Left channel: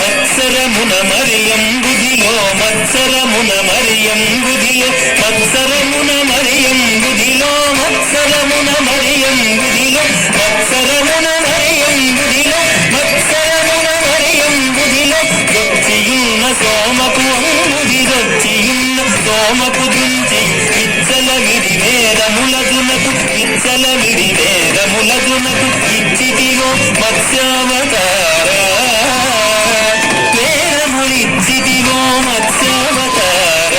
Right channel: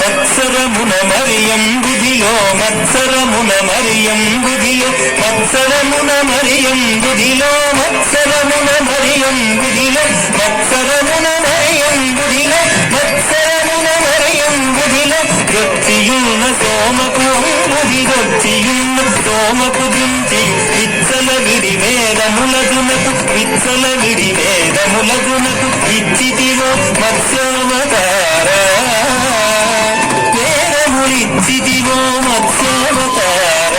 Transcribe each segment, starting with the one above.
మత్సరమున మరియం గుదిలో మత్సరమున మరియం గుదిలో మత్సరమున మరియం గుదిలో మత్సరమున మరియం గుదిలో మత్సరమున మరియం గుదిలో మత్సరమున మరియం గుదిలో గొచ్చియున్న సోమపు గుదిగొచ్చియున్న సోమపు దుంచి ఇచ్చల విడి వేదములదునకు ఇచ్చల విడి వేదములదునకు ఇచ్చితిలో మత్స్యావతార వేదములిచ్చితిలో మత్స్యావతార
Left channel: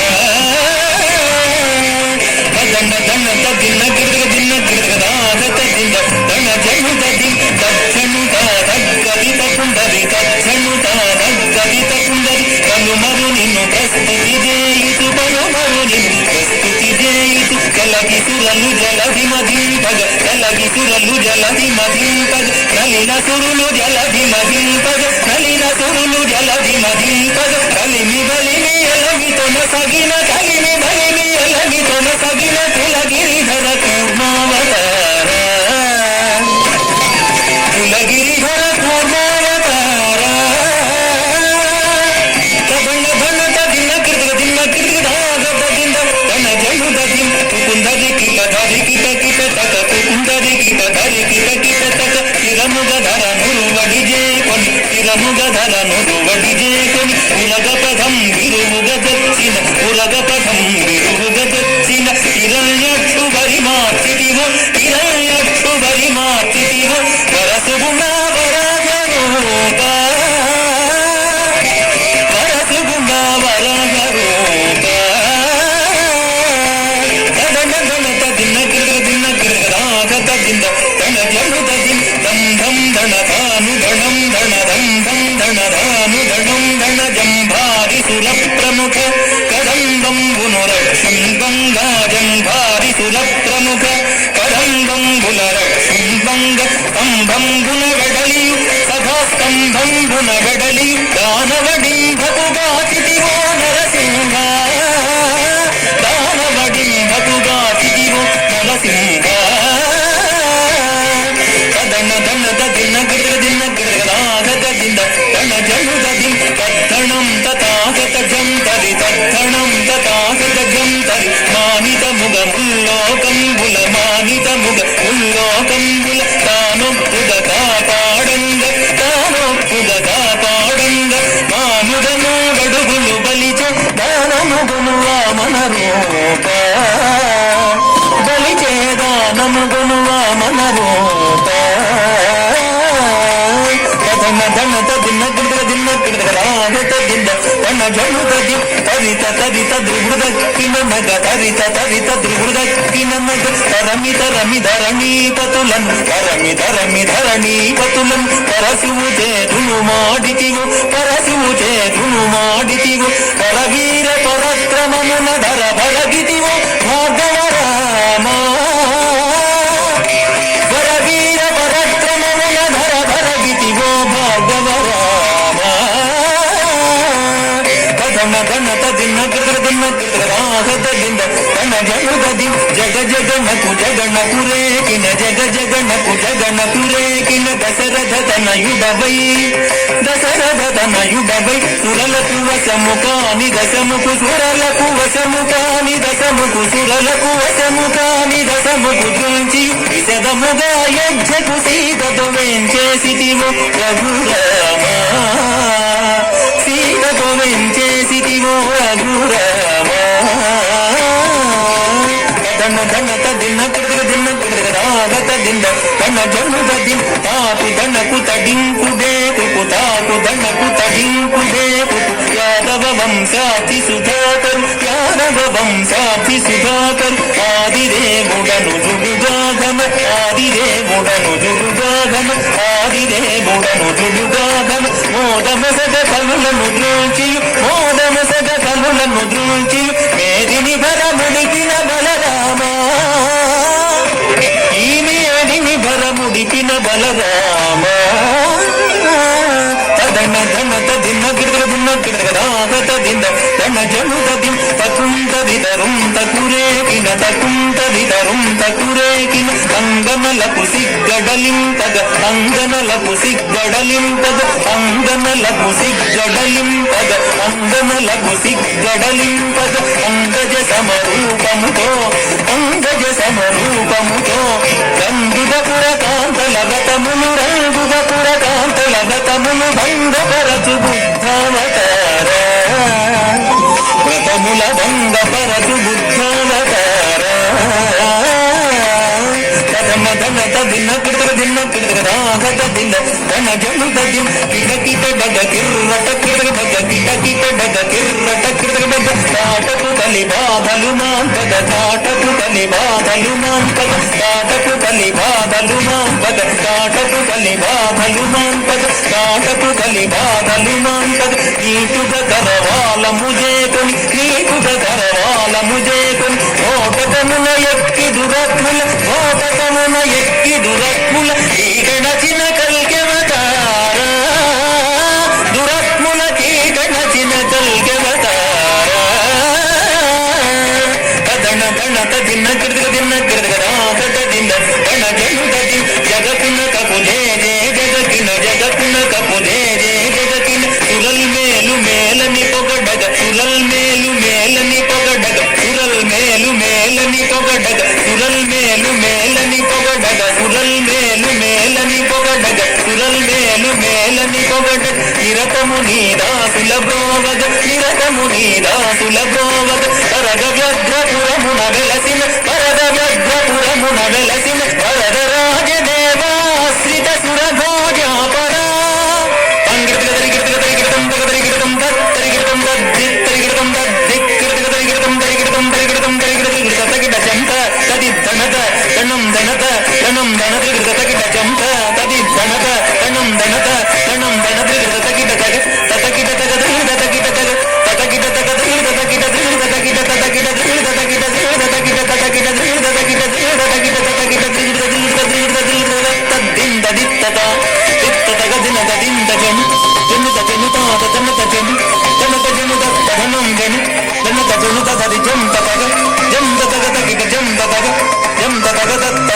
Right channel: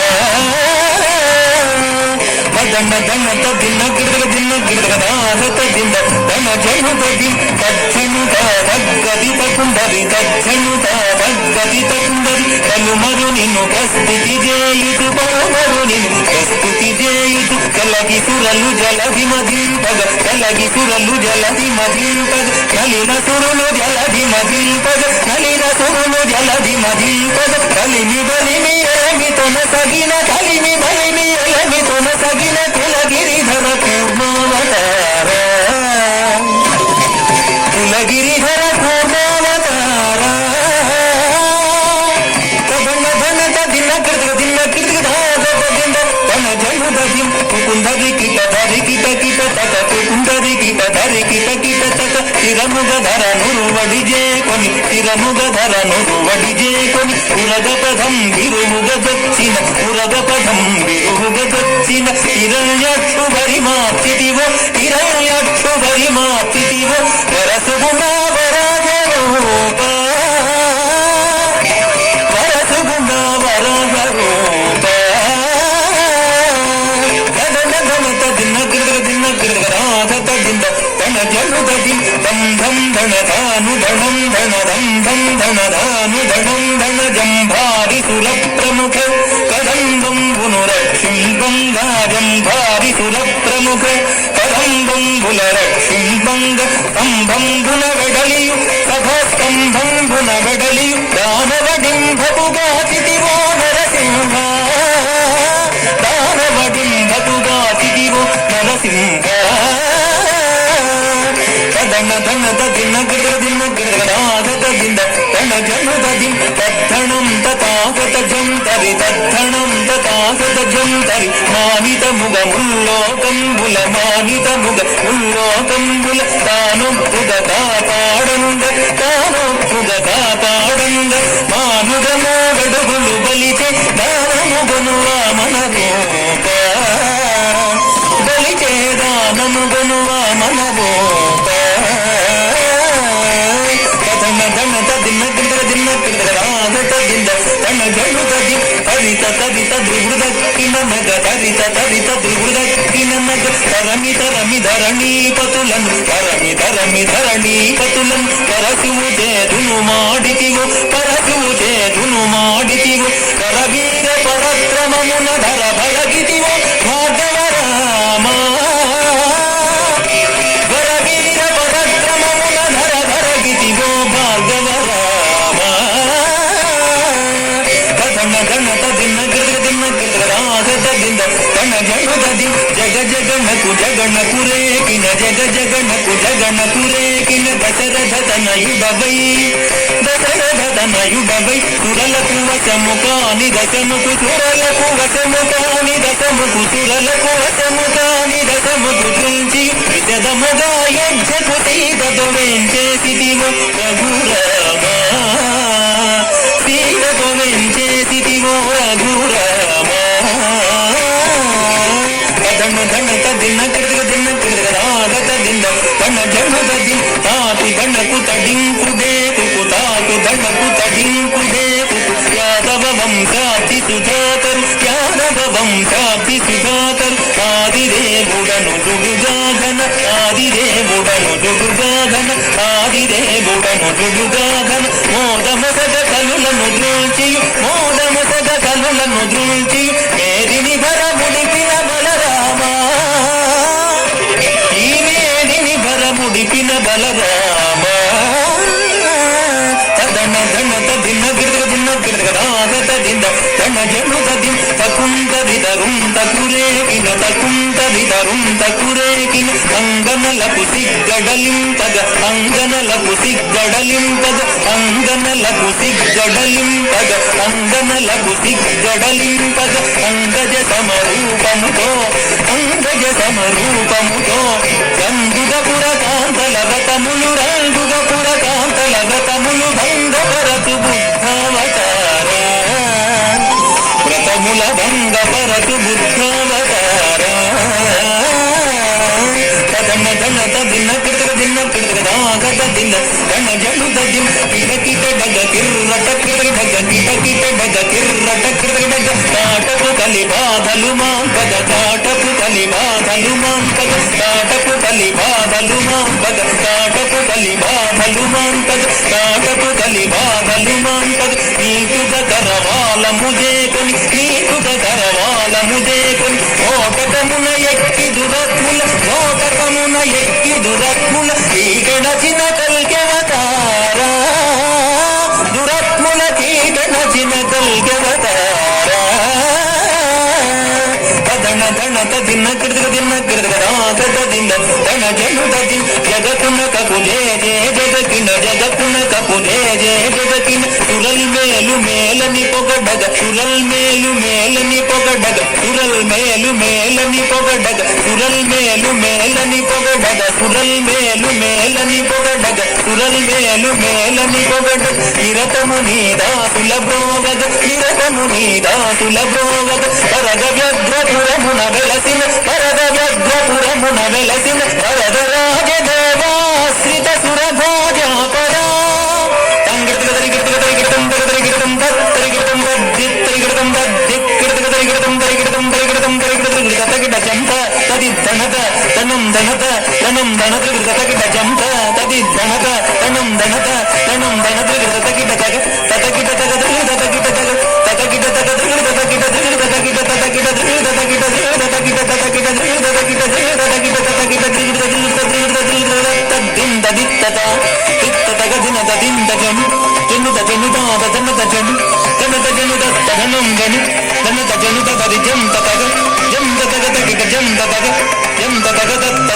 దన్న దన్న తదిన్న గిడగ దిన్న గిడగ దాత దిన్న దన జనుత దిన్ తచ్చనుత దగ్గదిత కుండరి తచ్చనుత దగ్గదిత కుండరి కనుమరు నిన్ను ప్రస్తుతి చేయుతు పరుమరు నిన్ను ప్రస్తుతి చేయుతు కలగి సురలు జలధి మధింపగ కలగి సురలు జలధి మధింపగ కలిన సురులు జలధి మధింపగ కలిన సురులు జలధి మధింపగ కలిమి బలిమి ఎలమితొన సగిన కలిమి బలిమి ఎలమితొన సగిన కులగిరిధర కూర్మావతార కులగిరిధర కూర్మావతార తదన ధన తదిన కృతక దిన కృతక దిన తన జను దది కుందరి కిట ధరి కిట కిట తట కుందరి కిట ధరి కిట కిట తట చిరముగ ధర నురువడి జేకొని చిరముగ ధర నురువడి జేకొని ఉరగ పదం విరుముగ దచ్చిన ఉరగ పదం విరుముగ దచ్చిన హిరణ్యక్షు బరి మార్చితివో హిరణ్యక్షు బరి మార్చితివో వరసుగుణ వరగరూప వరసుగుణ వరగరూప తదన ధన తదిన గిరగ దిన గిరగ రాగత దిన తన జను దది ధం ధం ధన ధాను ధనం ధన ధం ధం ధన ధాను ధనం ధన జంభారి సుర ప్రముఖ కదంబంబును రక్షింబంగా జంభారి సుర ప్రముఖ కదంబంబుల రక్షింబంగ స్తంభంబున వెడలియు సభాస్తంభంబున వెడలియు దానవడింభపుగా చితివో నరసింహ దానవడింభపుగా చితివో నరసింహ తదన ధన తదిన గిరగ దిన గిరగ నాగత దిన తన జను దది తద్ధణం తథాగత జంతరి తద్ధణం తథాగత జంతరి మానిత ముగ ముల్లోకంబుల మానిత ముగ ముల్లోకంబుల తానొప్పుగ కాపాడంగ తానొప్పుగ కాపాడంగ మాముగ మోగడుగులు బలి ದಿಂದ ತನ್ನ ಜನುದದಿ ತರಿತ ತರಿತ ದುರ್ಗುದಕ್ಕಿನ ಮಗ ತರಿತ ತರಿತ ದುರ್ಗುದಕ್ಕಿನ ಮಗ ತರಮಿ ತರಮಿ ಧರಣಿ ಪತುಲಂ ತರಮಿ ತರಮಿ ಧರಣಿ ಪತುಲಂ ಕರಸುವುದೇ ಧುನು ಮಾಡಿತಿವು ಕರಸುವುದೇ ಧುನು ಮಾಡಿತಿವು ಕರವೀರ ಪರಕ್ರಮమున ಧರ ಭರಗಿತಿವು ಭಾಗವರಾಮ ಕರವೀರ ಪರಕ್ರಮమున ಧರ ಭರಗಿತಿವು ಭಾಗವರಾಮ ಕದನ ಗಣತ ದಿನ ಗದನ ರಾಗದಿಂದ ತನ ಜನುದದಿ ಜಗ ಜಗನಕು ಜಗನಕು ರೇಕಿನ ಜಗ ಜಗನಕು ಜಗನಕು ರೇಕಿನ ದಶರಥ ತನಯುಡವೈ దశరథ తనయుడవై సురలకు వశము కాని దశముకు సురలకు వశము కాని దశముకు సురలకు వశము కాని దశముకు చూచి విశదముగా యజ్ఞకు సీతతో వెంచేసితివో రఘురామ సీతతో వెంచేసితివో రఘురామ తన ధనత దిన్న రాగత దిన్న తన జనుదది తాకు ధనకు తడింపుదేకు తాకు ధనకు తడింపుదేకు యాదవ వంశాతి సుధాకరు యాదవ వంశాతి సుధాకరు ఆదిదేవుడను జుగుగాధన ఆదిదేవుడను జుగుగాధన ఆదిదేవుడను జుగుగాధన మోదమసద కలులను ద్రోచియు మోదమసద కలులను ద్రోచియు మేదిని ధర ముడికిన బలరామ ఈ మేదిని ధర ముడికిన బలరామ తదన ధనత దిన్న రాగత దింద తన జనుదది తకుంత విదరుం తకురేకిన తకుంత విదరుం తకురేకిన అంగనలకు సిగ్గడలింతగ అంగనలకు సిగ్గడలింతగ అంగనలకు సిగ్గడలింతగ అంగనలకు సిగ్గడలింతగ అంగజ సమరూపముతో అంగజ సమరూపముతో గంధుగపుర కాంతల గతములు రంగుగపుర కాంతల గతములు భంగపరచు బుద్ధావతార వ్రతముల భంగపరచు బుద్ధావతార కదమ ధనత దిన్న రాగత దిన్న తన జనుదది కిటకిట బగ కిర్రట కిర్రట కిటకిట బగ కిర్రట కిర్రట కాటపు కలి బాధలు మాంపద కాటపు కలి బాధలు మాంపద కాటపు కలి బాధలు మాంపద కాటపు కలి బాధలు మాంపద కాటపు కలి బాధలు మాంపద నీకుగ కరవాల ముజేకొని నీకుగ కరవాల ముజేకొని ఓటకమున ఎక్కి దురత్ముల ఓటకమున ఎక్కి దురత్ముల ఈగనచిన కల్కెవతార దురత్ముల కీటనచిన కల్కెవతార తదన ధనత దిన్న రాగత దిన్న తన జనుదది జగకున కపుజే జే జగకిన జగకున కపుజే జే జగకిన సురల్ మేలు మేలని పొగడగ సురల్ మేలు మేలని పొగడగ సురల్ మేలు మేలని పొగడగ సురల్ మేలు మేలని పొగడగ సురల్ మేలు మేలని పొగడగ సురల్ మేలు మేలని పొగడగ నిరతము నీదాసుల బ్రోవగ నిరతము నీదాసుల బ్రోవగ వరద వ్యగ్రపురమున వెలసిన వరద వ్యగ్రపురమున వెలసిన వరద రాజదేవాశ్రిత సురభోజాపద తనం ధనత తనం ధనత తగిట జంత తది ధనత తనం ధనత తనం ధనత తగిట తగ తగిట తగ తగిట తగ తగిట తగ తగిట తగిట తగిట తగిట తగిట తగిట తగిట తగిట తగిట తగిట తగిట తద్దింద దిత్తత దిత్తత దినద దింద జను జనుత జనుత తనత జను తనత జనుత తదనం జను తనత జనుత తది జంత తగ జంత తగ తగిట జంత తగ జంత తగ తత